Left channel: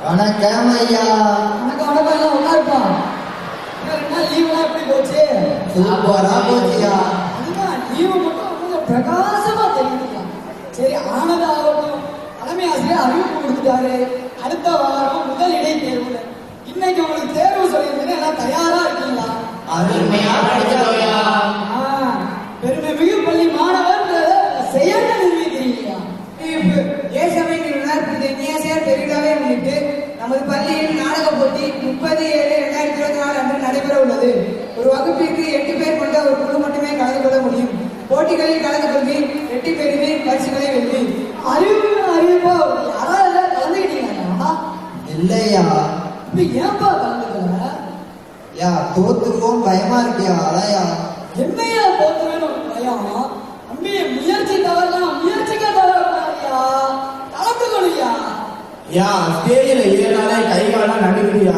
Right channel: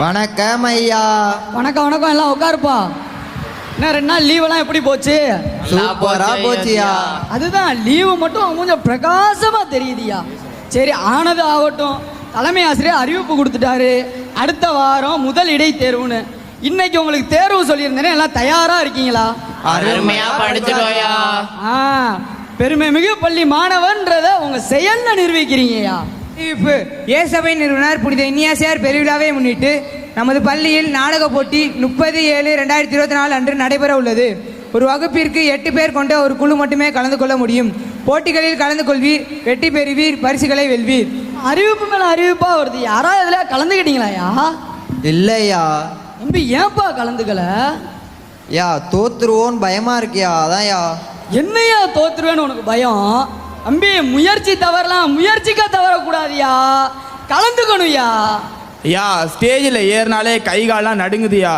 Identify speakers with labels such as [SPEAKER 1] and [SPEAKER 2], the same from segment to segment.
[SPEAKER 1] வணக்கம் ஐயா
[SPEAKER 2] வணக்கம் வணக்கம். எல்லாம் உட்காருப்பா. என்ன ரெண்டு நாள் லீவெல்லாம் எப்படி போச்சு?
[SPEAKER 1] சூப்பரா போச்சியா.
[SPEAKER 2] அதுதான் லீவு மட்டும் கொஞ்சம் பிரகாசமா தெரியுதுயா. சரி ஆனது ஆகட்டும். தலைமை ஆசிரியர் அறிவிப்பு கொடுத்துட்டாரு. அடுத்த வாரம் முதல் இடை தேர்வுன்னு இன்னைக்கு உங்களுக்கு தேர்வு சொல்லியிருந்தேனே எல்லாம் தயாரா இருக்கீங்களா?
[SPEAKER 3] அருமையா படிச்சுட்டோயா.
[SPEAKER 2] ஆ பெருமை மிகு பள்ளி மாணவன்றத உங்க செயல்ல நிரூபிக்கிறீங்கய்யா.
[SPEAKER 4] அறிவிப்பு ஏசபை நிறுவனர் புனித இன்னியாசியார் பெருவிழாவை முன்னிட்டு நமது பள்ளியில் நாடக போட்டி முப்பது ஏழு ரெண்டாயிரத்தி இருபத்தி நாலு அன்று நடைபெற உள்ளது. ஒரு வகுப்பிற்கு எட்டு பேர் கொண்ட ஒரு குழு மட்டுமே கலந்து கொள்ள முடியும். போட்டிகளில் கலந்து கொள்வீர் வெற்றி பெறுவீர் பரிசுகளை வெல்வீர்.
[SPEAKER 2] அறிவிப்பு மேல அறிவிப்பா வருது. யாராவது இதுல கலந்துக்கிட்டீங்களாயா
[SPEAKER 1] இல்லையா?
[SPEAKER 2] தம்பி ஏன்பா கலந்துக்கல?
[SPEAKER 1] யா தோத்துருவோன்னு பயமா இருக்கியா? அதான்யா.
[SPEAKER 2] என்னையா தோத்துருவேன்னு உனக்கு பயம்? தம்பி முயற்சி தவறலாம். முயற்சிக்க தவறக்கூடாதுயா? கலந்துக்கணும்யா.
[SPEAKER 5] ஐயா ஸ்டேஜில் ஏறினாலே கை காலம் நடுங்குதுயா?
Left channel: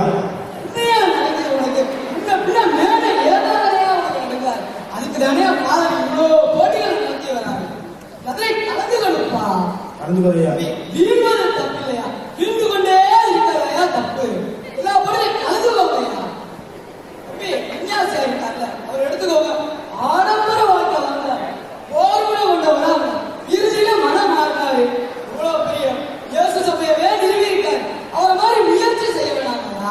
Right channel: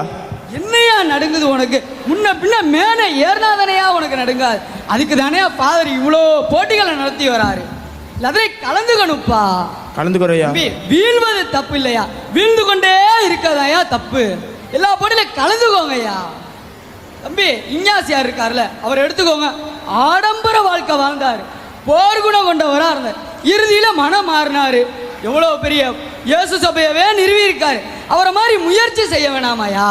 [SPEAKER 2] என்னையா நடுங்குது உனக்கு? முன்ன பின்ன மேலே ஏறினாதானையா உனக்கு நடுங்காது? அதுக்கு தானே ஃபாதர் இவ்வளோ போட்டிகளை நடத்தி வராரு. அதை கலந்துக்கணும்ப்பா.
[SPEAKER 5] கலந்துக்கிறோயா
[SPEAKER 2] வீழ்வது தப்பு இல்லையா வீழ்ந்து கொண்டே இருக்காதயா தப்பு? எல்லா போட்டியிலும் கலந்துக்கோங்கய்யா. தம்பி இஞ்ஞாசியார் இருக்கார்ல அவர் எடுத்துக்கோங்க. ஆடம்பர வாழ்க்கை வாழ்ந்தார். போர் குணம் கொண்டவரா இருந்தார் இறுதியில மனம் மாறினாரு. எவ்வளவு பெரிய இயேசு சபையவே நிறுவி இருக்காரு அவரை மாதிரி முயற்சி செய்ய வேணாமாயா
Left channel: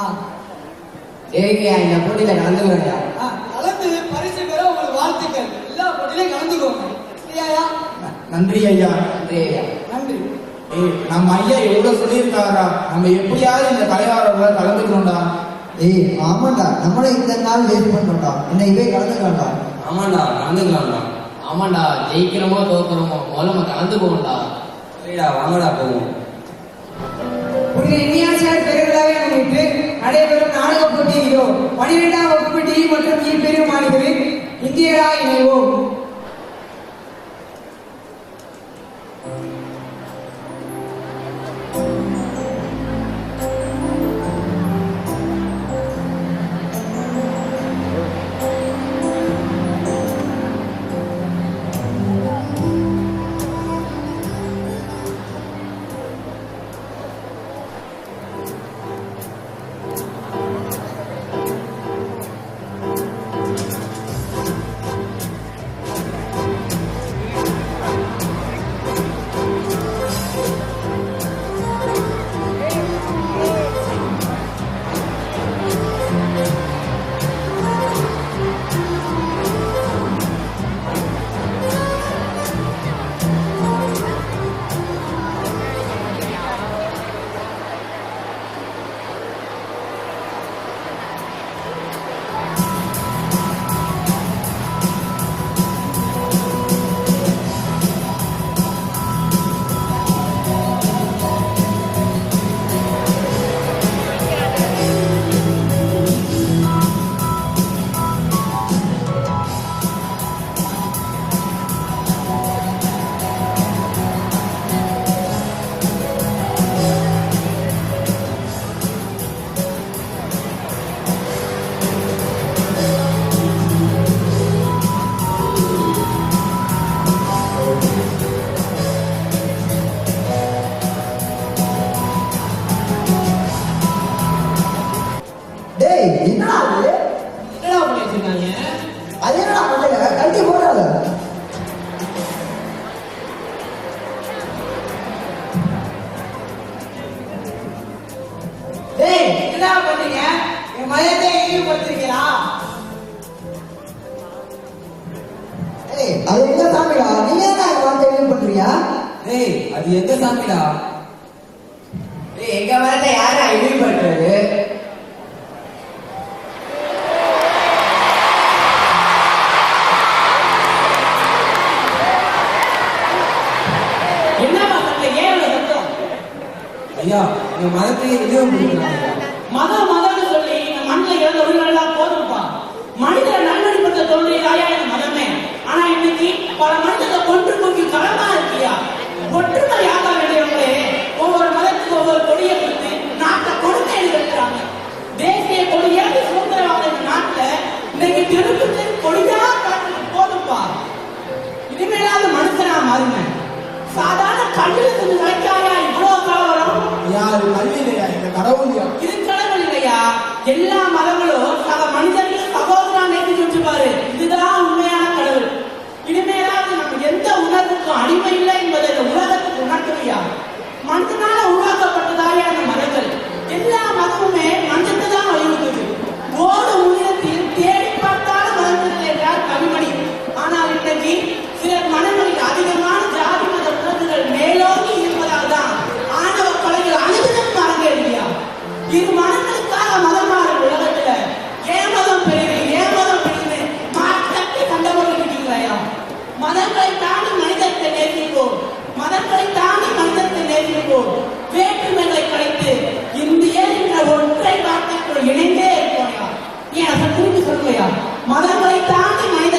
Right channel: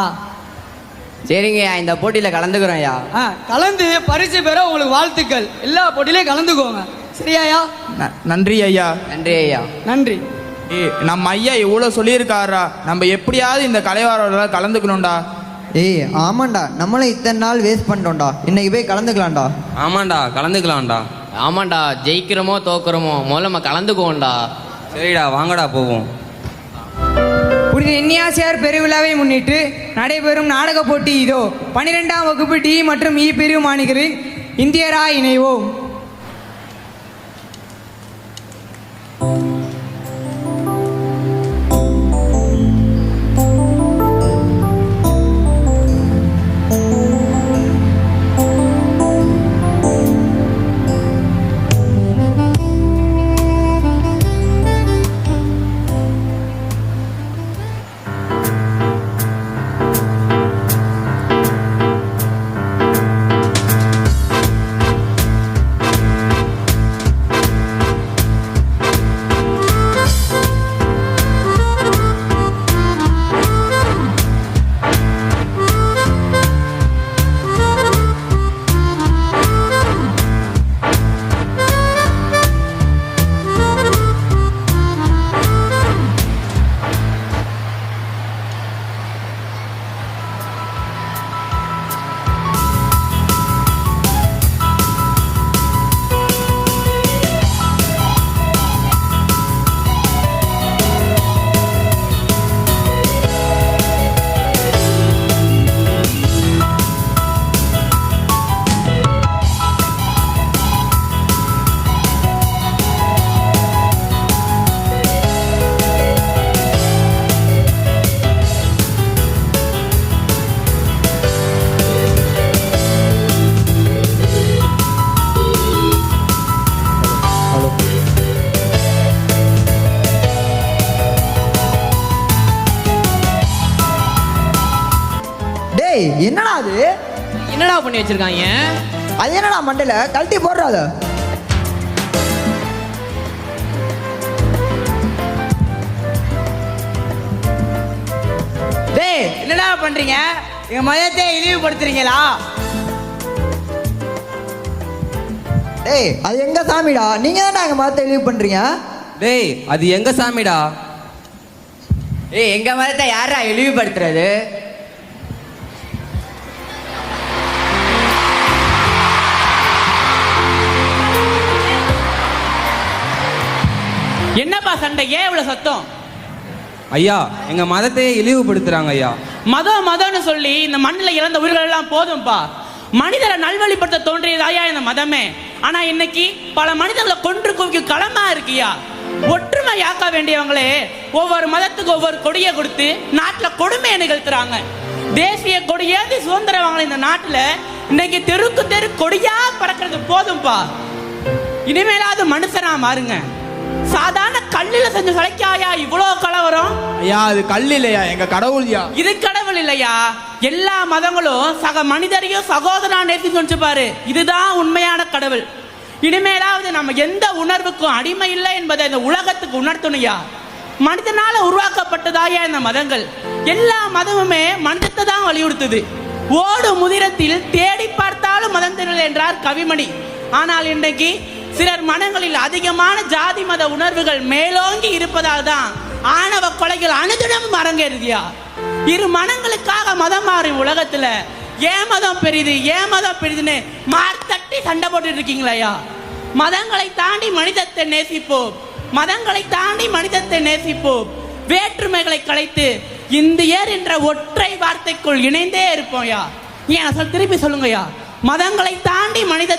[SPEAKER 3] சரிங்கய்யா இந்த போட்டியில கலந்துக்கிறோம்யா.
[SPEAKER 2] ஆ, கலந்து பரிசு பெற உங்களுக்கு வாழ்த்துக்கள். எல்லா போட்டியிலையும் கலந்துக்கோங்க. சரியாயா
[SPEAKER 5] நன்றி ஐயா
[SPEAKER 3] நன்றி ஐயா
[SPEAKER 2] நன்றி.
[SPEAKER 5] ஏய், நம்ம ஐயா இவ்வளோ சொல்லியிருக்காரா? நம்ம எப்படியாவது இந்த கலைவாரோட கலந்துக்கணும்டா.
[SPEAKER 1] ஏய் ஆமாண்டா. நம்மளும் இத்தனை நாள் வேஸ்ட் பண்ணிட்டோம்டா. இன்னைக்கு போய் கலந்துக்கலாம்டா.
[SPEAKER 6] ஆமாண்டா கலந்துக்கலாம்டா.
[SPEAKER 3] ஆமாண்டா ஜெயிக்கிறோமோ தோக்குறோமோ முதல்ல நம்ம கலந்துக்குவோம்டா.
[SPEAKER 6] சரிடா வாங்கடா போவோம்.
[SPEAKER 4] புனித இன்னியாசியார் பெருவிழாவை முன்னிட்டு நடைபெறும் நாடக போட்டி இதோ. பனிரெண்டாம் வகுப்பு டி மற்றும் இ பிரிவு மாணவர்கள் இந்தியரா இணைவோம்
[SPEAKER 1] என்னடா அது
[SPEAKER 3] என்னடா பண்ணி வச்சிருக்காங்க?
[SPEAKER 1] அது என்னடா மண்டையில? கழட்டி போடுறாத.
[SPEAKER 4] டேய் என்னடா பண்றீங்க? எங்க மதத்தை இழிவுபடுத்துறீங்களா?
[SPEAKER 1] டேய் அது எங்க சாமிடா? நீங்க தானே அங்க மரத்தை எழுதி பண்றீங்க
[SPEAKER 6] டேய் அது எங்க சாமிடா?
[SPEAKER 3] ஏய் எங்க மதத்தை யாரா இழிவுபடுத்துறது
[SPEAKER 6] ஐயா எங்க மதத்தையே இழிவுபடுத்துறாங்க ஐயா.
[SPEAKER 7] மதம் மதம்னு சொல்லி இந்த மண்ணில் இறந்த உயிர்கள் எல்லாம் போதும்பா. மனிதரை நல்வழிப்படுத்த தோன்றியதாயா இந்த மதமே. ஆனா இன்னைக்கு பல மனிதர்களை கொன்று குவிக்கும் களமா இருக்கியா? ஒற்றுமையாக்க வேண்டியவங்களே ஒவ்வொரு மதத்துக்கு ஒவ்வொரு கொடியை கொடுத்து நாட்டுல கொடுமையை நிகழ்த்துறாங்க. தேசிய கொடியேற்றி சுதந்திரம் வாங்கின இந்த நாட்டுல இன்னைக்கு தெருக்கு தெரு கொடியா பறக்கிறது போதும்பா. இனிமேலாவது மனுஷனா மாறுங்க. சாதாரண கல்லில செஞ்ச சிலைக்காயா இவ்வளவு கலவரம்.
[SPEAKER 5] ஐயா அது கல் இல்லையா எங்க கடவுள்யா?
[SPEAKER 7] இது கடவுள் இல்லையா? எல்லா மதங்களும் சக மனிதனையும் சகோதரா நேசிச்சு கொண்டு பாரு. இதுதான் உண்மையான கடவுள். இனிமேலாவது நம்ம எந்த உணர்வுக்கும் அடிமை இல்லை என்பதை இந்த உலகத்துக்கு உணர்த்தணுயா மனிதனால உருவாக்கப்பட்டதாய இந்த மதங்கள். எல்லா மதமுமே மனிதத்தை தான் வலியுறுத்துது. ஓடு முதிரத்தில் இரு மனங்களுக்காக மதம் மாறி உலகத்துல. ஏமதம் மதம் ஏமதம் ஏன் மதம் பெரிதுன்னு மாத்தட்டி சண்டை போட்டு இருக்கீங்களா மதங்களை தாண்டி மனிதத்தை நேசிப்போம். மதங்களை தாண்டி மனிதத்தை நேசிப்போம். வேற்றுமைகளை கலைத்து இந்தியர் என்ற ஒற்றை வார்த்தைக்குள் இணைந்தே இருப்போம்யா ஏன் அதை திரும்பி சொல்லுங்கய்யா மதங்களை தாண்டி மனித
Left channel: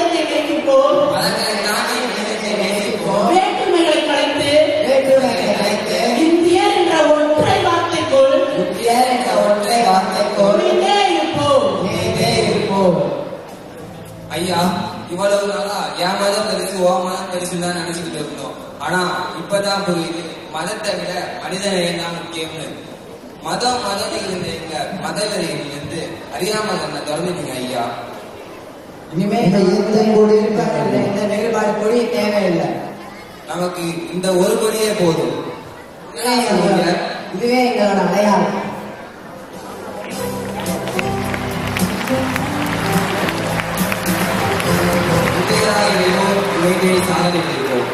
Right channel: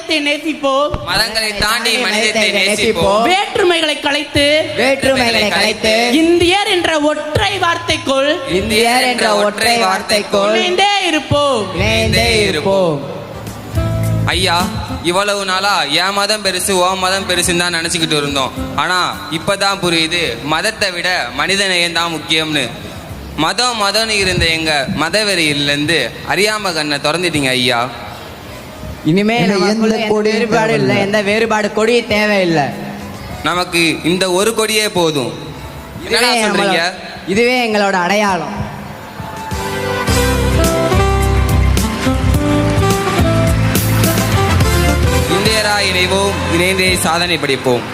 [SPEAKER 7] வார்த்தைக்குள் இணைந்தே இருப்போம்.
[SPEAKER 1] இணைந்தே இருப்போம்.
[SPEAKER 8] ஐயா இவ்வளவு நாளா என் மதம் பெருசு ஓ மதம் பெருசுன்னு தான் நினச்சிக்கிட்டு இருந்தோம். ஆனால் இப்பதான் புரியுது மதத்தை விட மனிதநேயம் தான் முக்கியம்னு. மதம் மதம்னு இருந்த எங்க மதவெறியிலேருந்து அறியாம கண்ணை திறந்துட்டீங்க ஐயா.
[SPEAKER 1] இனிமே நமக்குள்ள எந்த வேறுபாடு இல்லை எந்த வேறுபாடு கொடியும் தேவையில்லை.
[SPEAKER 8] நமக்கு இந்த ஒரு கொடியே போதும். என்னடா சொல்றீங்க?
[SPEAKER 1] இதுவே எங்களோட அடையாளம்.
[SPEAKER 8] இன்றையதா இணைவோம் இணைந்து சாதனை படைப்போம்.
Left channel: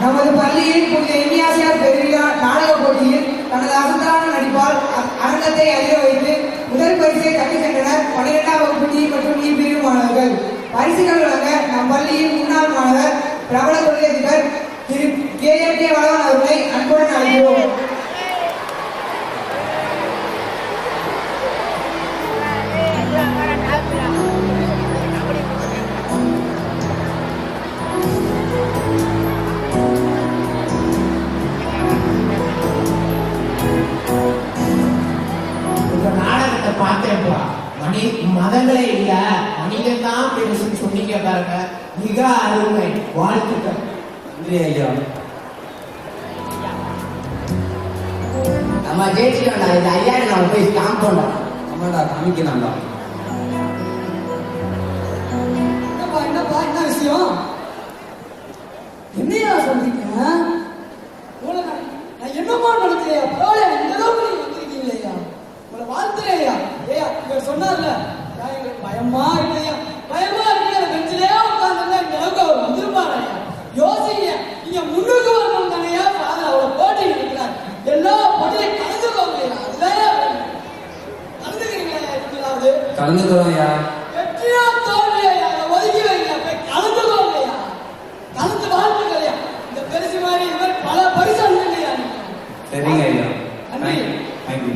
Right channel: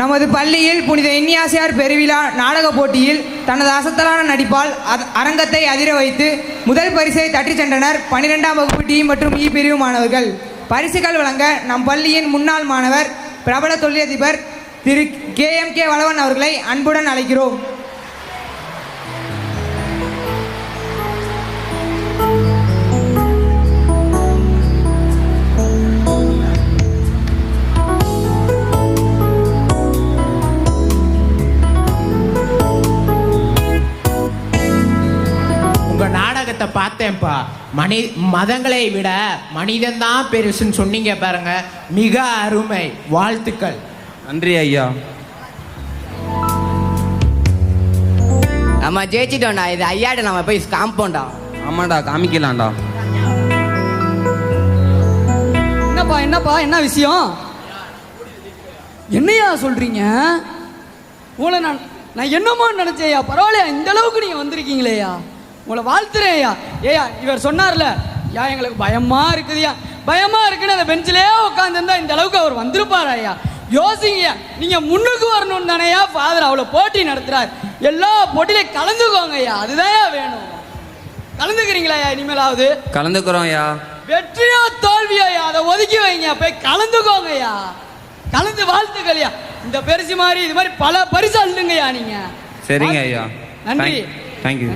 [SPEAKER 4] நமது பள்ளியில் புனித எண்ணியாசியார் பெருவிழா நாடக போட்டியில் தனது அசத்தலான நடிப்பால் அரங்கத்தை அதிர வைத்து முதல் பரிசை தட்டிச் சென்றனர் பனிரெண்டாம் வகுப்பு டி மற்றும் இ பிரிவு மாணவர்கள். பரிசுகள் வழங்க நம் பள்ளியின் முன்னாள் மாணவர் பிரபல தொழிலதிபர் திரு கே எம் கே வளவன் அவர்களை அன்புடன் அழைக்கிறோம்.
[SPEAKER 9] சொன்னீங்க பாருங்க. மிக அருமை வாழ்த்துக்கள்.
[SPEAKER 5] நன்றி ஐயா.
[SPEAKER 1] நம்ம ஜெயிச்சிட்டோம்டா. இது ஐயாட்ட நம்ம போய் காம்பவுண்டா
[SPEAKER 8] ஆமாடா காமிக்கலாம்டா.
[SPEAKER 2] என்னப்பா என்னப்பா என்ன விஷயம்? என்னையா சொல்றீங்க? உங்களை நான் நான் என்னமோ நினைச்சேயா? பரவாயில்லையா இந்த அளவுக்கு நீங்க வந்திருக்கீங்களேயா? உங்களை வாழ்த்துறேயா ஏயா இவர் சொன்னார்ல யா எங்களுக்கு பயமா இருக்குதுயா பயமா இருக்குன்னு அந்த பெஞ்சிலே உட்காந்துருந்தா இந்த அளவுக்கு அவர் வந்திருப்பாராயா யோசிங்க நீங்க முன்னுக்கு வரணும்னு தானேயா ஃபாதர் அவ்வளவு போட்டி நடத்துறார். எல்லா போட்டியிலையும் கலந்துக்கோங்கய்யா அதுதான் வேணும். கலந்துக்கிறீங்களா இனிமேலாவது?
[SPEAKER 8] கலந்துக்கிறோம் ஐயா.
[SPEAKER 2] வெற்றியோ தோல்வியோ அதை ஒதுக்கி வைங்க போய் கலந்துக்கோங்கய்யா கலந்து வாழ்ந்துக்கலையா இந்த பரிசு மாதிரி இது மாதிரி பல பரிசு அள்ளுங்கய்யா நீங்க.
[SPEAKER 8] சரிங்க ஐயா.
[SPEAKER 2] நன்றி.
[SPEAKER 8] தேங்க்யூ